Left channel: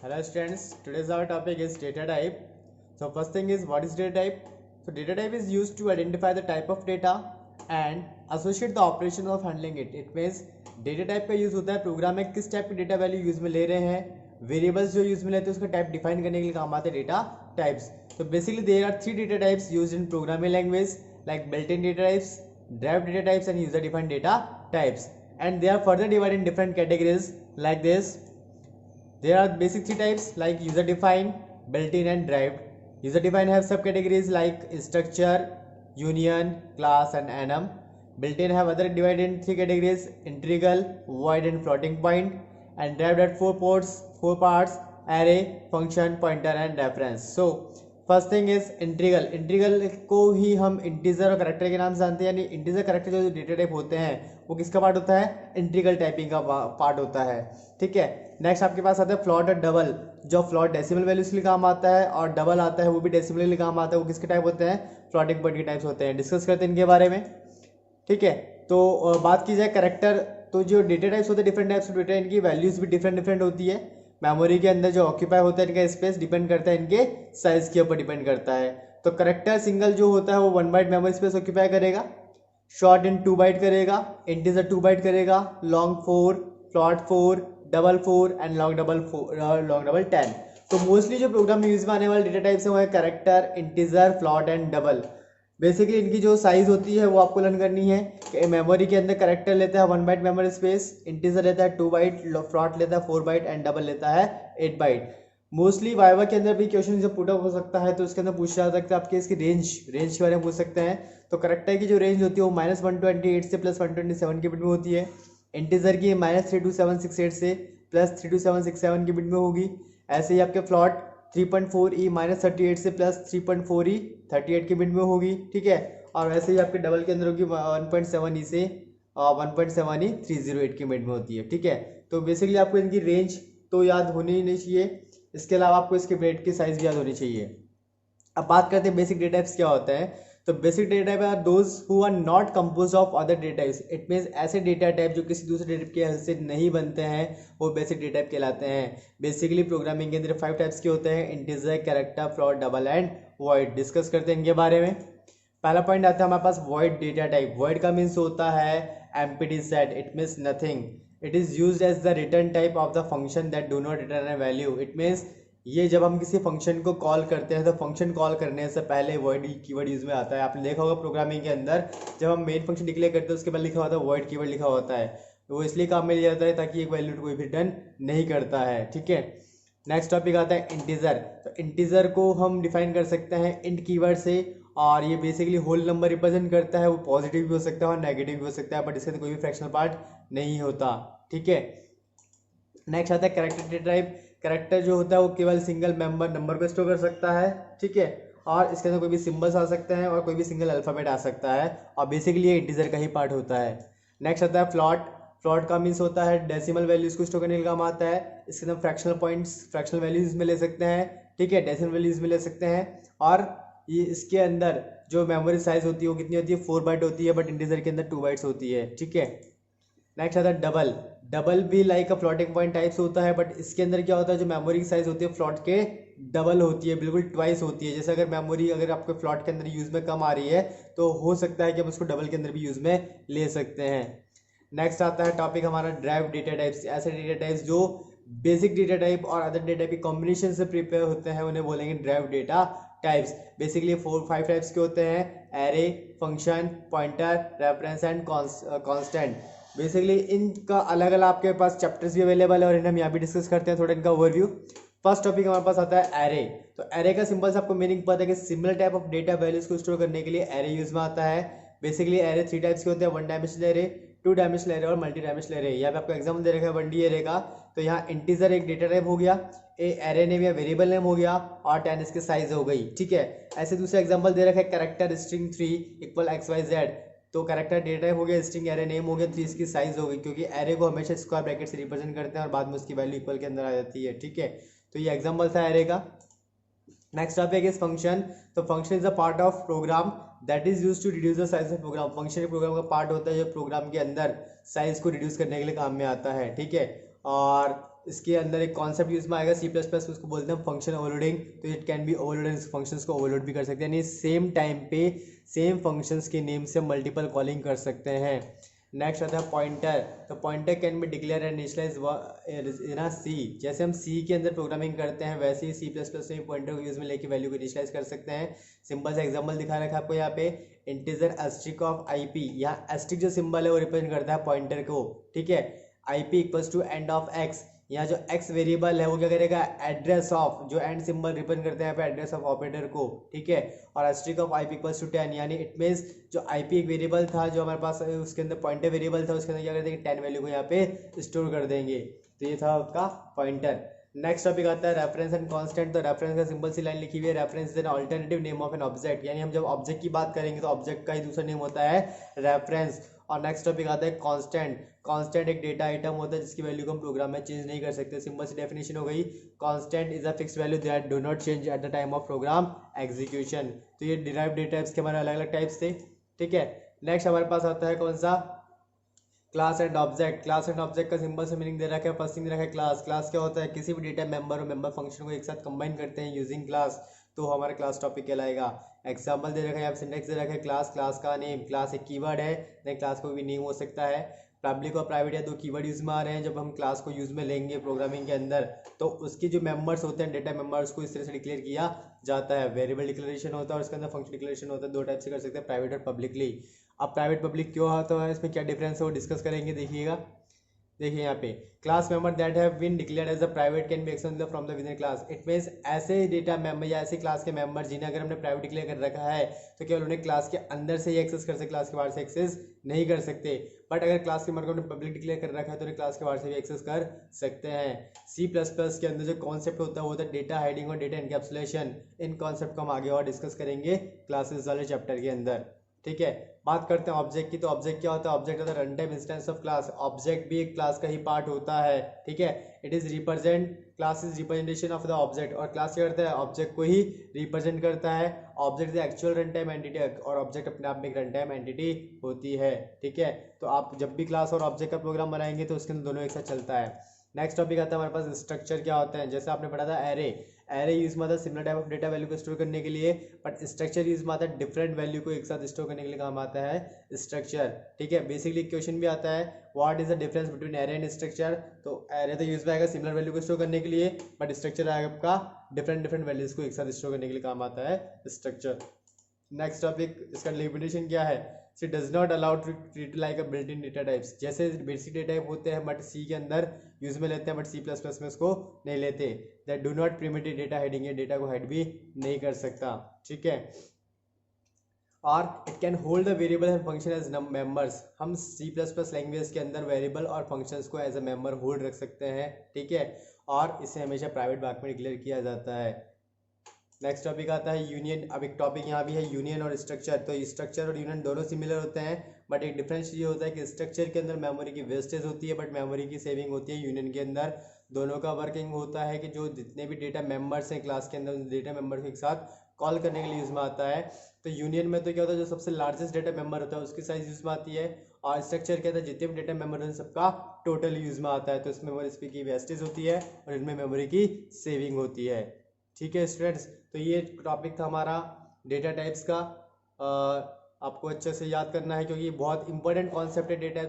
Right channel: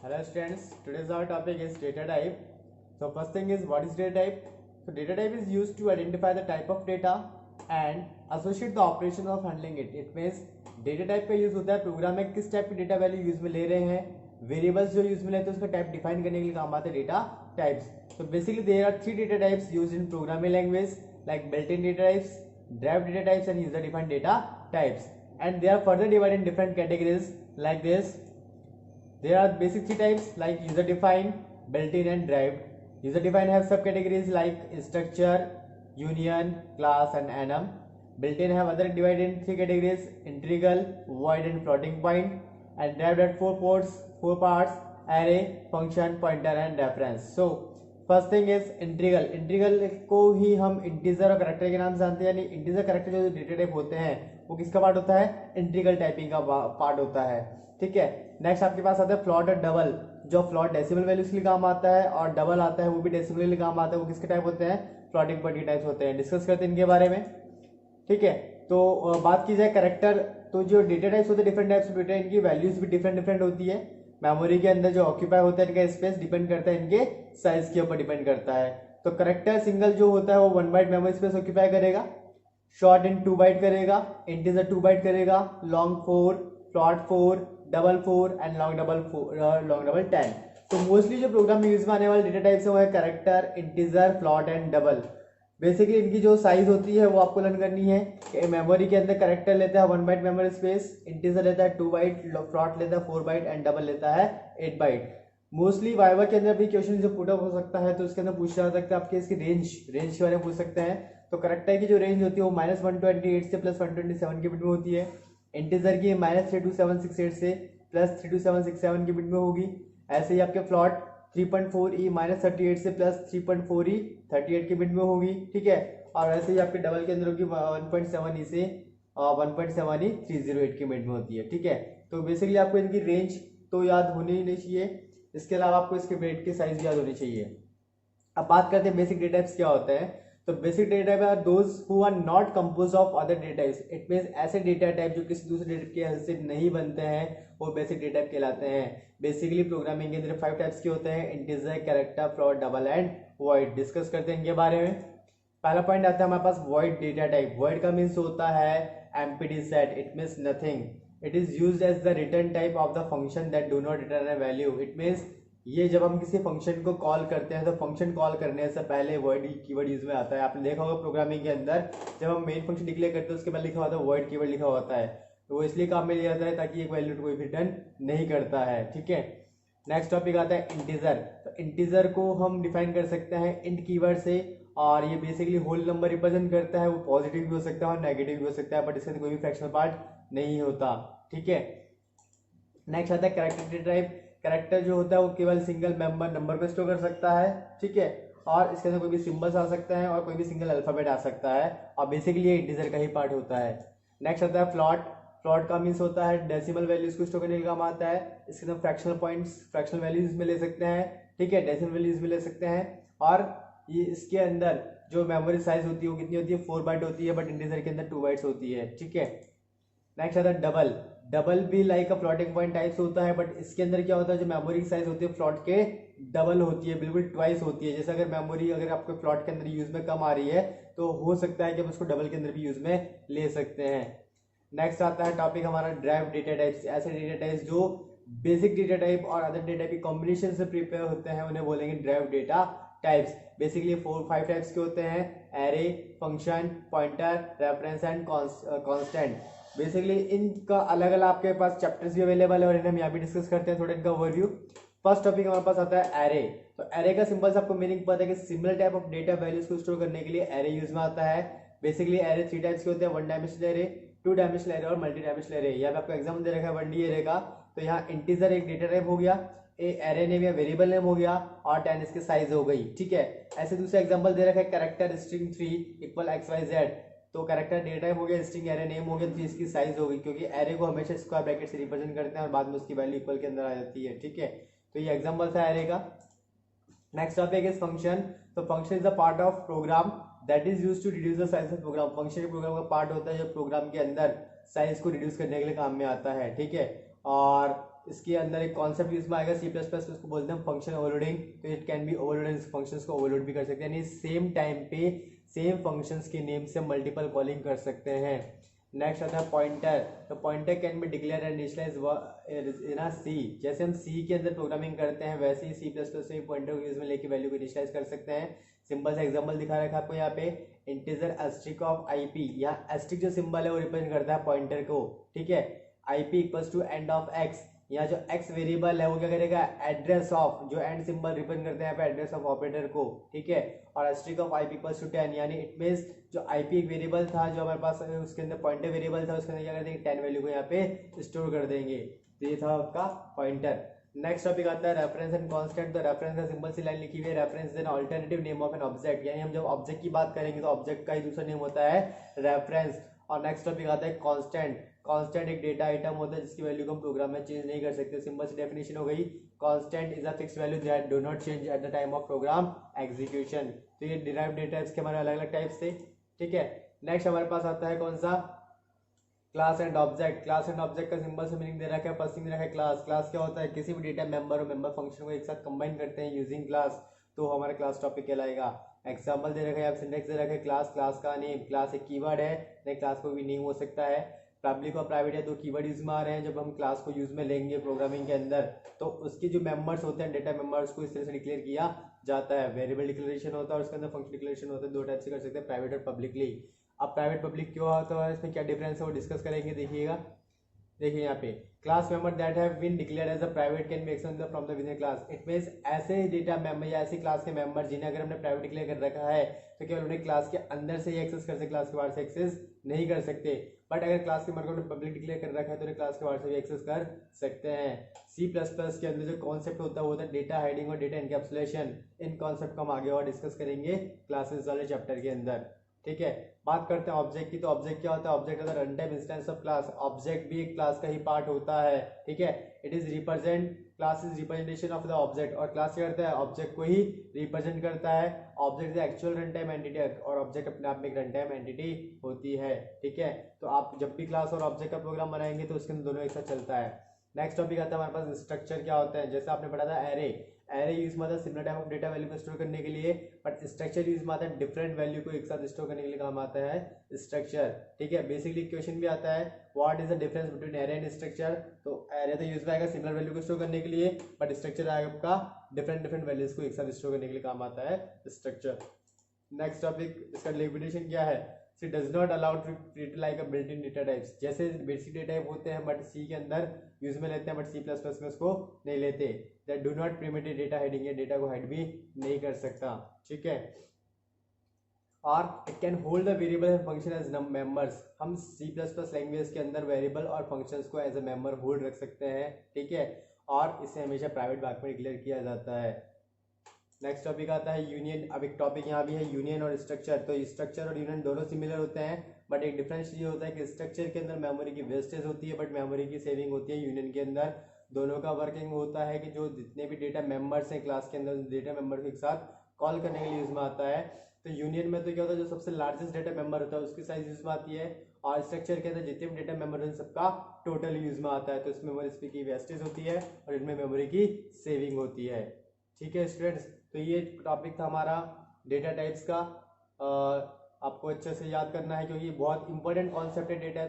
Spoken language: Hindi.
Hello students, today's our topic is data type. So first thing is what is data type? So data type is used to identify the type of data and associate the operation of handling it. It means data type का यूज होता है प्रोग्राम में किस टाइप की डेटा वैल्यू यूज में ले रहे हैं, वेरिएबल्स जो यूज में लेते हैं उसका टाइप डिफाइन करने के लिए काम आते हैं डेटा टाइप्स. तो basically there are three data types used in programming language like built in data types, derived data types and user defined data types, and they are further divided in different categories like this. There are basic three types like user defined, built-in and derived. User defined have subcategories like structure, union, class and enum. Built-in have other divided in three categories: integral, void and floating point. And derived at four parts: array, function, pointer and reference. So first thing is integral. Integral को ही हम इंटीजर और करेक्टर के नाम से जानते हैं, यानी इंटीजर करेक्टर जो डेटा टाइप होते हैं वो किसका पार्ट होता है, इंटीग्रल टाइपिंग का पार्ट होता है. ठीक है. नेक्स्ट आपके पास आता है फ्लॉट और डबल. जो फ्लॉट डेसिमल वैल्यूज के लिए काम आता है और डबल आता है वो भी डेसिमल के लिए काम आता है. वो किसके टाइप होते हैं, फ्लोटिंग पॉइंट के टाइप्स होते हैं. डिस्कस करते हैं इनके बारे में. ठीक है. तो बात की जाए करेक्टर, तो जो डेटा टाइप्स होते हैं डिफरेंट टाइप्स ऑफ डेटा, इनकी वैल्यूज भी डिफरेंट होती है. मेमोरी के अंदर जो ऑक्यूपाई होता है इनका स्पेस डिपेंड करता है इनके साइज के ऊपर डिपेंड करता है. तो करेक्टर सिंगल जो होता है वो 1 बाइट मेमोरी स्पेस ऑक्यूपाई करेगा, शॉर्ट इन 2 बाइट करेगा, इंटीजर 2 बाइट करेगा, long 4, float 4, double 4 and long double 10. तो मोस्टली जो प्रोग्राम में यूज में आने वाले डेटा टाइप्स है वो है character, integer, float and double. Basically इनकी जो साइज होती है वो आपको लर्न करनी है कि मेमोरी के अंदर करेक्टर लेता है 1 बाइट मेमोरी स्पेस, इंटीजर लेता है 2 बाइट, फ्लॉट लेता है 4 बाइट एंड डबल लेता है 8 बाइट. मोस्टली वाइवा के अंदर भी क्वेश्चन जो पुट अप हो सकता है तो उसके अंदर पूछा जा सकता है आपके इसकी रेंज के बारे में पूछ सकते हैं. तो करेक्टर की जो रेंज होती है वो -128 से +127 के बीच में होती है. इंटीजर की -32768 से +32767 के बीच में होगी. ऐसे ही आपके फ्लॉट 3.4e -38 से +3.4e 38 के बीच में होगी. ठीक है. और वैसे ही आपके डबल के अंदर होगी 1.7e से 1.7e 308 के बीच में होती है. ठीक है. तो बेसिकली आपको इनकी रेंज तो याद होनी ही नहीं चाहिए, इसके अलावा आपको इसके ब्रेड की साइज भी याद होनी चाहिए. अब बात करते हैं बेसिक डेटा टाइप्स क्या होता है. तो basic data type are those who are not composed of other data types. It means ऐसे डेटा टाइप जो किसी दूसरे डेटा के हेल्प से नहीं बनते हैं वो बेसिक डेटा टाइप कहलाते हैं. बेसिकली प्रोग्रामिंग के अंदर 5 टाइप्स के होते हैं: integer, character, float, double and void. Discuss करते हैं इनके बारे में. पहला पॉइंट आता है हमारे पास वॉइड डेटा टाइप. वॉइड का मीन्स होता है empty set. It means nothing. It is used as the return type of the function that do not return a value. It means ये जब हम किसी फंक्शन को कॉल करते हैं तो फंक्शन कॉल करने से पहले वॉइड कीवर्ड यूज में आता है. आपने देखा होगा प्रोग्रामिंग के अंदर जब हम मेन फंक्शन डिक्लेयर करते हैं उसके बाद लिखा होता है वॉइड कीवर्ड लिखा होता है. तो वो इसलिए काम में लिया जाता है ताकि एक वैल्यू कोई भी रिटर्न नहीं करता है. ठीक है. नेक्स्ट टॉपिक आता है इंटीजर. तो इंटीजर को हम डिफाइन कर सकते हैं इंट कीवर्ड से, और ये बेसिकली होल नंबर रिप्रेजेंट करता है. वो पॉजिटिव भी हो सकता है और नेगेटिव भी हो सकता है, बट इसके कोई भी फ्रैक्शनल पार्ट नहीं होता. ठीक है. नेक्स्ट आता है कैरेक्टर डेटा टाइप. कैरेक्टर जो होता है वो केवल सिंगल नंबर को स्टोर कर सकता है. ठीक है. और इसके अंदर कोई भी सिंबल्स आ सकते हैं और कोई भी सिंगल अल्फाबेट आ सकता है, और बेसिकली ये इंटीजर का ही पार्ट होता है. नेक्स्ट आता है फ्लॉट. फ्लॉट का मीन्स होता है डेसिमल वैल्यूज को स्टोर करने का काम आता है. इसके अंदर फ्रैक्शनल पॉइंट्स, फ्रैक्शनल वैल्यूज में ले सकते हैं. ठीक है. डेसिमल वैल्यूज में ले सकते हैं. और ये इसके अंदर जो मेमोरी साइज होती है वो कितनी होती है, 4 बाइट होती है, बट इंटीजर के अंदर 2 बाइट्स होती है. ठीक है. नेक्स्ट आता है डबल. डबल भी लाइक अ फ्लोटिंग पॉइंट टाइप्स होता है, बट इसके अंदर क्या होता है जो मेमोरी की साइज होती है फ्लॉट के डबल होती है, बिल्कुल ट्वाइस होती है. जैसे अगर मेमोरी अगर आपके फ्लॉट के अंदर यूज में कम आ रही है तो हो सकता है कि हम उसको डबल के अंदर भी यूज में ले सकते हैं. नेक्स्ट आता है टॉपिक हमारा ड्राइव डेटा टाइप्स. ऐसे डेटा टाइप्स जो बेसिक डेटा टाइप और अदर डेटा की कॉम्बिनेशन से प्रिपेयर होते हैं उन्हें बोलेंगे drive data types. Basically 4-5 types के होते हैं: array, function, pointer, reference and constant. Basically इनका अलग अलग आपके पास चैप्टर्स भी अवेलेबल है और इन्हें हम यहाँ भी डिस्कस करते हैं थोड़ा इनका ओवरव्यू. फर्स्ट टॉपिक हमारे पास आता है एरे. तो एरे का सिंपल से आपको मीनिंग पता है कि similar type of data values को स्टोर करने के लिए एरे यूज में आता है. बेसिकली एरे 3 टाइप्स के होते हैं: 1 डायमेंशनल एरे, 2 डायमेंशनल एरे और मल्टी डायमेंशनल एरे. यहाँ पे आपको एग्जाम्पल दे रखा है 1D एरे का. तो यहाँ इंटीजर एक डेटा टाइप हो गया, एरे नेम या वेरिएबल नेम हो गया, और 10 इसकी साइज हो गई. ठीक है. ऐसे दूसरा एग्जांपल दे रखा है कैरेक्टर स्ट्रिंग 3 इक्वल XYZ. तो कैरेक्टर डेटा टाइप हो गया, स्ट्रिंग एरे नेम हो गया, 3 इसकी साइज हो गई, क्योंकि एरे को हमेशा स्क्वायर ब्रैकेट से रिप्रेजेंट करते हैं और बाद में उसकी वैल्यू इक्वल के अंदर आ जाती है. ठीक है. तो ये एग्जांपल था एरे का. Next topic is function. तो function is a part of program that is used to reduce the size of program. Function program का पार्ट होता है जो प्रोग्राम के अंदर साइज को रिड्यूस करने के लिए काम में आता है. ठीक है. और इसके अंदर एक कॉन्सेप्ट यूज में आएगा सी प्लस प्लस, उसको बोलते हैं फंक्शन ओवरलोडिंग। तो it can be overload, functions को ओवरलोड भी कर सकते हैं, यानी सेम टाइम पे सेम फंक्शंस के नेम से मल्टीपल कॉलिंग कर सकते हैं। नेक्स्ट आता है पॉइंटर। तो pointer can be declare and initialise in C. जैसे हम सी के अंदर प्रोग्रामिंग करते हैं वैसे ही सी प्लस प्लस में पॉइंटर को यूज में लेके वैल्यू को इनिशियलाइज कर सकते हैं। सिंपल सा एग्जांपल दिखा रखा है आपको यहाँ पे, इंटीजर एस्ट्रिक ऑफ आईपी। यहाँ एस्ट्रिक जो सिंबल है वो रिप्रेजेंट करता है पॉइंटर को, ठीक है। IP equals to and of X, यहाँ जो x वेरिएबल है वो क्या करेगा, एड्रेस ऑफ, जो एंड सिंबल रिप्रेजेंट करते हैं यहाँ पे एड्रेस ऑफ ऑपरेटर को, ठीक है। और asterisk of IP equals to 10, यानी इट मींस जो IP एक वेरिएबल था जो हमारे पास उसके अंदर पॉइंटर वेरिएबल था, उसके अंदर क्या कर देंगे 10 वैल्यू को यहाँ पे स्टोर कर देंगे। तो ये था आपका पॉइंटर। नेक्स्ट टॉपिक आता है रेफरेंस एंड कांस्टेंट। तो रेफरेंस का सिंपल सी लाइन लिखी हुई है, reference is an alternative name of an object, यानी हम जब ऑब्जेक्ट की बात करेंगे तो ऑब्जेक्ट का ही दूसरा नेम होता है रेफरेंस। और नेक्स्ट टॉपिक आता है कांस्टेंट। कांस्टेंट एक डेटा आइटम होता है जिसकी वैल्यू को हम प्रोग्राम में चेंज नहीं कर सकते। सिंपल सी डेफिनेशन हो गई, constant is a fixed value that do not change at the time of program execution. तो ये डिराइव्ड डेटा टाइप्स के हमारे अलग अलग टाइप्स थे, ठीक है। नेक्स्ट हमारे पास आता है कौन सा, class and object. Class and object का सिंपल से मीनिंग दे रखा है, फर्स्ट थिंग दे रखा है क्लास। क्लास क्या होता है, किसी भी डेटा मेंबर और मेंबर फंक्शन को एक साथ कंबाइन करते हैं यूजिंग क्लास, तो हमारा क्लास टॉपिक कहलाएगा। एग्जांपल दे रखा है, सिंटैक्स दे रखा है, क्लास, क्लास का नेम। क्लास एक कीवर्ड है, नहीं क्लास को भी नेम हो सकता है। पब्लिक और प्राइवेट है, दो कीवर्ड यूज में आ रहे हैं। जब हम क्लास को यूज में लेंगे प्रोग्रामिंग के अंदर तो उसके जो मेंबर्स होते हैं डेटा मेंबर्स को इस तरह से डिक्लेयर किया जाता है। वेरिएबल डिक्लेरेशन होता है और उसके अंदर फंक्शन डिक्लेरेशन होता है, दो टाइप से कर सकते हैं, प्राइवेट और पब्लिकली। अब प्राइवेट पब्लिक क्यों होता है, इसमें क्या डिफरेंस है वो डिस्कस करेंगे, देखिएगा। देखिए यहाँ पे, class member that have been declared as a private can be accessed from the within class. It means ऐसे डेटा मेंबर या ऐसे क्लास के मेंबर जिन्हें अगर हमने प्राइवेट डिक्लेयर कर रखा है तो केवल उन्हें क्लास के अंदर से ही एक्सेस कर सकते, क्लास के बाहर से एक्सेस नहीं कर सकते। बट अगर क्लास के मेंबर को हमने पब्लिक डिक्लेयर कर रखा है तो उन्हें क्लास के बाहर से भी एक्सेस कर सकते हैं। सी प्लस प्लस के अंदर जो कॉन्सेप्ट होता है वो होता है डेटा हाइडिंग और डेटा एनकैप्सुलेशन। इन कॉन्सेप्ट को हम आगे और डिस्कस करेंगे क्लासेस वाले चैप्टर के अंदर, ठीक है। बात करते हैं ऑब्जेक्ट की। तो ऑब्जेक्ट क्या होता है, ऑब्जेक्ट होता है run time instance of class. Object भी एक क्लास का ही पार्ट होता है, ठीक है। It is represent, class is representation of the object, और क्लास क्या करता है, ऑब्जेक्ट को ही रिप्रेजेंट करता है। Object is actual run time entity, और ऑब्जेक्ट अपने आप में एक रन टाइम एंटिटी होती है, ठीक है। तो आप जब भी क्लास और ऑब्जेक्ट का प्रोग्राम बनाएंगे तो उसके अंदर दोनों एक साथ चलता है। नेक्स्ट टॉपिक आता है हमारे पास स्ट्रक्चर क्या होता है। जैसे आपने पढ़ा था एरे, एरे यूज में आता है similar type of data value को स्टोर करने के लिए, बट स्ट्रक्चर यूज में आता है डिफरेंट वैल्यू को एक साथ स्टोर करने के लिए काम आता है स्ट्रक्चर, ठीक है। बेसिकली क्वेश्चन भी आता है, what is the difference between array and structure. तो एरे तो यूज में आएगा सिमिलर वैल्यू को स्टोर करने के लिए, बट स्ट्रक्चर आएगा आपका डिफरेंट वैल्यूज को एक साथ स्टोर करने के लिए काम आता है स्ट्रक्चर। नेक्स्ट टॉपिक, इसका लिमिटेशन क्या है, it does not allow to treat like a built in data types. जैसे बेसिक डेटा टाइप होते हैं बट सी के अंदर यूज में लेते हैं, बट सी प्लस प्लस में उसको नहीं लेते। That do not permit data hiding, ये डेटा को हाइड भी नहीं कर सकता, ठीक है। और it can hold the variable and function as members. हम सी प्लस प्लस लैंग्वेज के अंदर वेरिएबल और फंक्शंस को एज अ मेंबर होल्ड रख सकते हैं, ठीक है। और इसे हमेशा प्राइवेट भाग में डिक्लेयर किया जाता है। नेक्स्ट टॉपिक आता है यूनियन। अब एक टॉपिक यहाँ भी है यूनियन और स्ट्रक्चर। तो स्ट्रक्चर और यूनियन दोनों सिमिलर होते हैं, बट एक डिफरेंस ये होता है कि स्ट्रक्चर के अंदर मेमोरी की वेस्टेज होती है बट मेमोरी की सेविंग होती है। यूनियन के अंदर दोनों का वर्किंग होता है कि जो जितने भी डेटा मेंबर्स हैं क्लास के अंदर उन डेटा मेंबर्स को एक साथ कॉल करने के लिए यूज में आता है। तो यूनियन में तो क्या होता है, जो सबसे लार्जेस्ट डेटा मेंबर होता है उसकी साइज यूज में आती है, और स्ट्रक्चर के अंदर जितने भी डेटा मेंबर हैं सबका टोटल यूज में आता है। तो इसमें मेमोरी की वेस्टेज होती है और इनमें मेमोरी की सेविंग होती है, ठीक है स्टूडेंट्स। तो ये टॉपिक था हमारा डेटा टाइप्स का। आपको अच्छे से याद करना है क्योंकि बहुत इंपॉर्टेंट कॉन्सेप्ट है डेटा।